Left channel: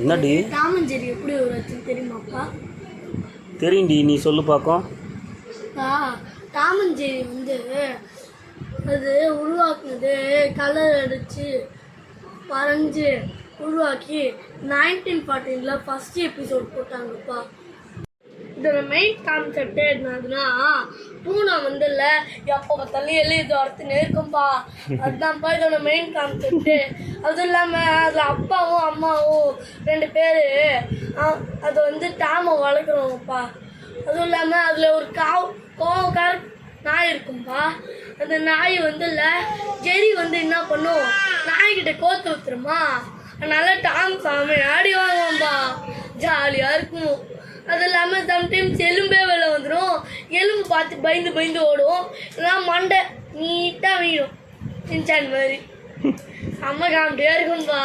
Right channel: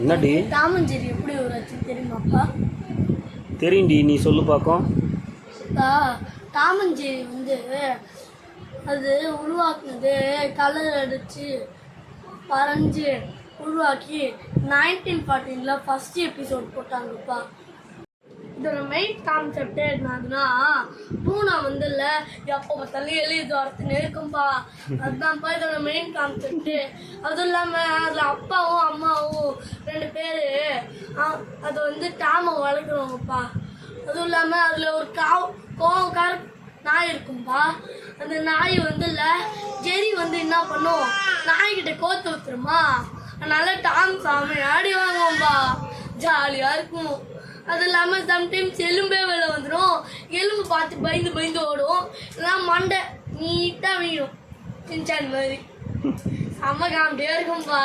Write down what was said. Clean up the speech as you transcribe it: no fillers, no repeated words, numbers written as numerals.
என்னடி Tom and Jerry எப்படி உருவாச்சு தெரியுமாப்பா? தெரியும்டி, நீ சொல்லு பார்க்கும். டாம் அண்ட் ஜெர்ரி வந்து அது உருவாக்குனது கலர் அடித்து வரைஞ்சி உருவாக்கி 1914 ஃபர்ஸ்ட் எபிசோட் போட்டாங்கப்பா. இதோட மெயின் கான்செப்ட் என்னதுன்னா, பூனை வந்து இல்லை எப்போ பார்த்தாலும் எழுதி வரத்துன்னு இருக்கும்பா. அதுதான்ப்பா இதோட மெயின் கான்செப்ட். அதுவும் இல்லாமல் அதில் அப்பாவும் அம்மாவும் 2 பேர் அது வந்து டாமை வளர்க்குறவங்கப்பா. அதுவும் இல்லாமல் அதில் ஒரு கோவக்கார நாய் இருக்கும்பா. அந்த நாய் வந்து இல்லை ஜெரி வந்து என்ன பண்ணும், நாய்கிட்ட கோத்து ஊத்துருமா. அதனால டாம் சாமி ஆடி வாங்குவோம்பா, ஜாலியாக இருக்கும். அது இல்லாமல் சம்டைம்ஸ் எலும்பே வெளில வந்துடும். எலும்பு பார்த்து பயந்து ஓடும். இல்லைனா மண்டை நீட்டாக வீடும் சின்சான் மாதிரி. செம்ம காமெடியாக இருக்கும்பா.